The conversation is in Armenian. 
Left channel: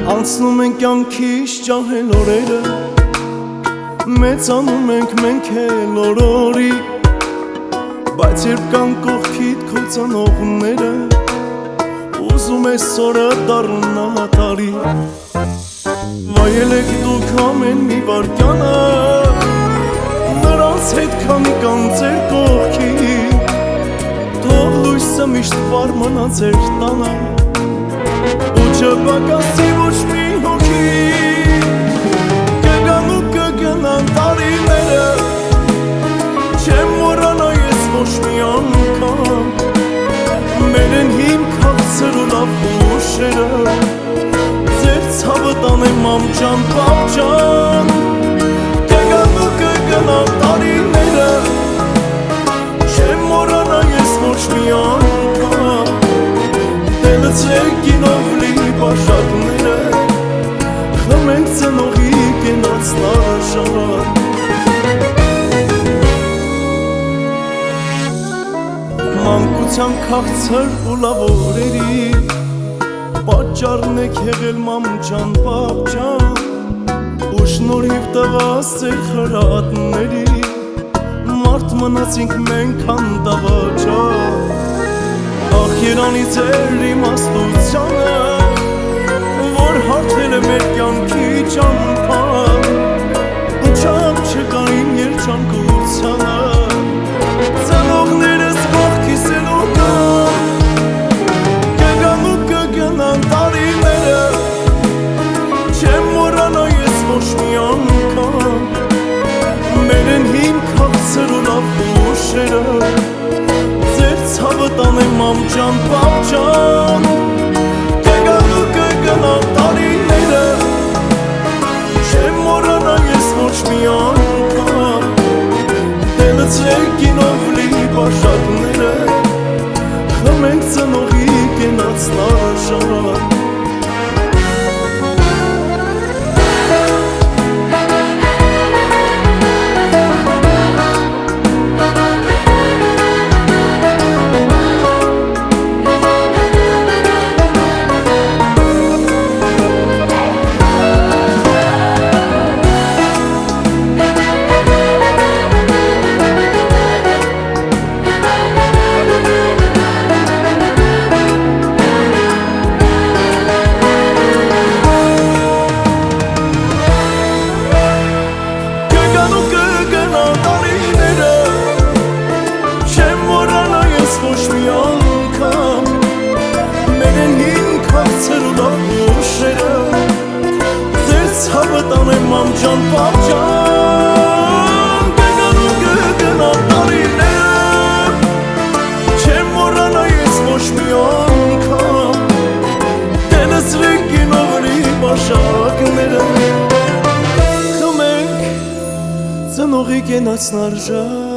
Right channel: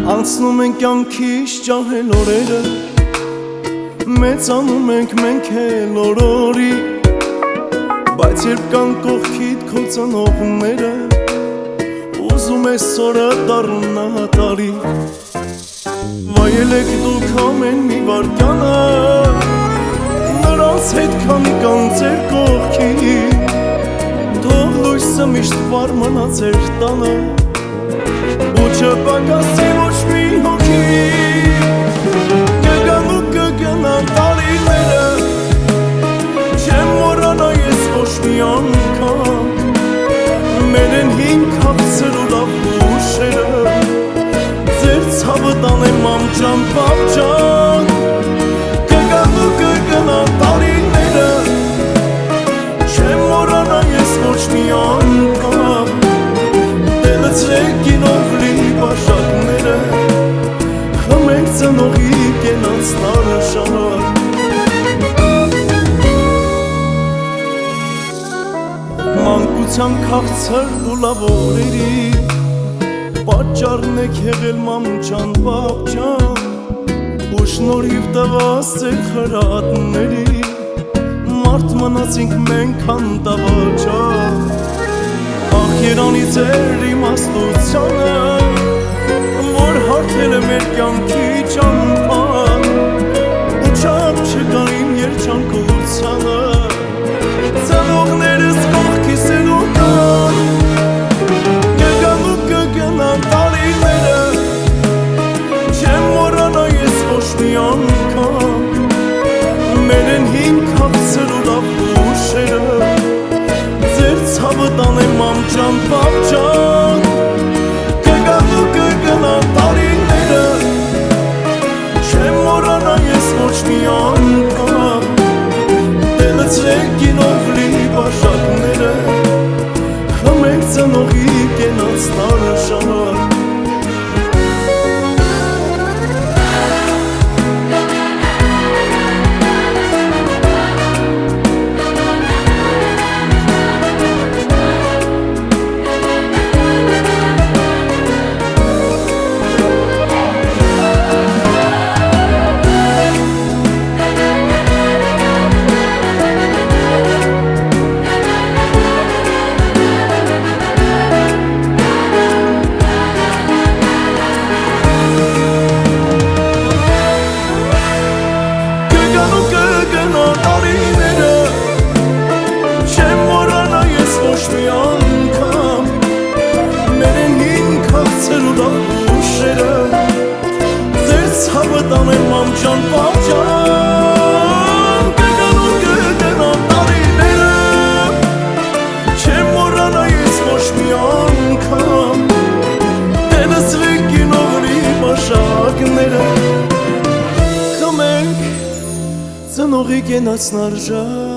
Անցնում ենք կյանքից ջահել օրերը, մեծանում ենք մենք էլ օր-օրի, բայց երբ կան կողքիդ քո ծնողները, ուզում ես օրը դառնա տարի։ Վայելեք դուք ամեն մի վարկյանը, նրանց հետ քանի կան ձեր կողքին, թող լույսը միշտ վառ մնա ձեր տանը, ու չպակասի ոչ մի հոգի։ Կգան ու կգնան տարիները, չեմ մոռանա ես ոչ մի անգամ մեր են հին քաղցր ու լավ հուշերը, ձեր ցավը տանեմ մամ ջան, պապ ջան։ Կգան ու կգնան տարիները, չեմ մոռանա ես ոչ մի անգամ դելցրեք գինով լի բաշակները, խմենք ծնողի կենացնարը շար։ Մանկության քաղցր ու լավ օրերի պատճառն եք եղել մամ ջան, պապ ջան, ու շնորհիվ տված ձեր խրատների մարդ մնացինք մենք հանդավաճան։ Ախ երանի ձեր իմաստությանը, որ հարթել է մեր կյանքի ճամփան, ու չափ չկա իմ երջանկությանը, ծնողներս կողքիս են ու կան։ Կգան ու կգնան տարիները, չեմ մոռանա ես ոչ մի անգամ մեր են հին քաղցր ու լավ հուշերը, ձեր ցավը տանեմ մամ ջան, պապ ջան։ Կգան ու կգնան տարիները, չեմ մոռանա ես ոչ մի անգամ դելցրեք գինով լի բաշակները, խմենք ծնողի կենացնարը շար։ Կգան ու կգնան տարիները, չեմ մոռանա ես ոչ մի անգամ մեր են հին քաղցր ու լավ հուշերը, ձեր ցավը տանեմ մամ ջան, պապ ջան։ Կգան ու կգնան տարիները, չեմ մոռանա ես ոչ մի անգամ դելցրեք գինով լի բաշակները, խմենք ծնողի կենացնար ժար։